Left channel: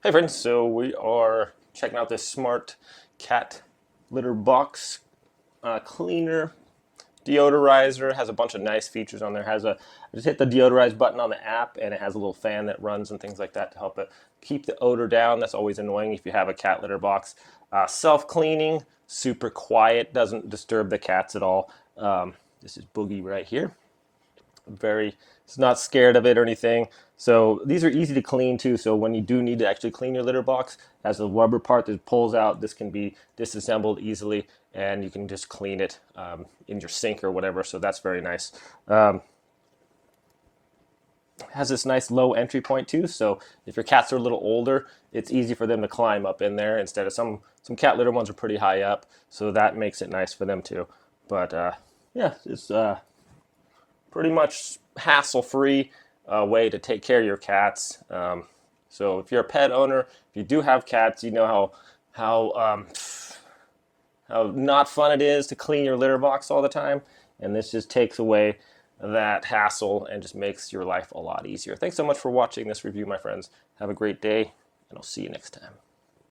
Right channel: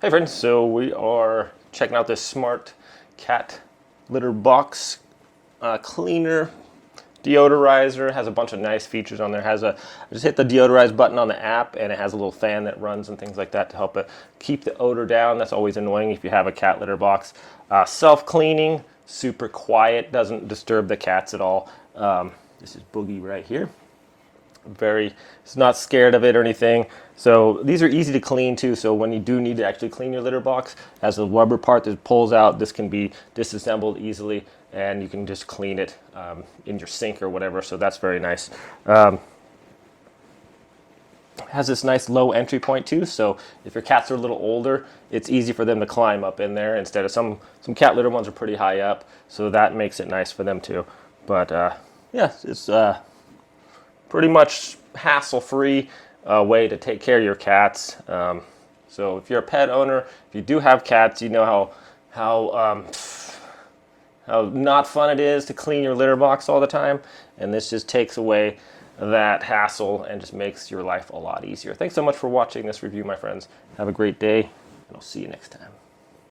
Hey friends, so we are checking out this smart cat litter box cleaner deodorizer. It has a bunch of nice features on there. I just hit the deodorize button on the app, and it has a little fan that runs and things like that to help it keep the odor down. That's always annoying if you have a cat litter box. Self-cleaning, super quiet, doesn't disturb the cats at all. This is Boogie right here. Very, it's not scared of it or anything. So these are easy to clean too. So when you do need to actually clean your litter box, has the rubber part that pulls out. This can be disassembled easily, and you can just clean it in your sink or whatever. So that's very nice. Has this nice low entry point too. So if your cats are a little older, it's easy for them to climb up in there instead of some cat litter ones are pretty high up. So that makes it nice for them too. But yeah, it's pretty much hassle-free way to take care of your cats. So if you're a pet owner, if you do have cats, you know how not fun it is to clean your litter box all the time, and this just takes away that hassle and just makes your life a lot easier. Thanks so much for watching this review, my friends. Have a great day, and I'll see you next time.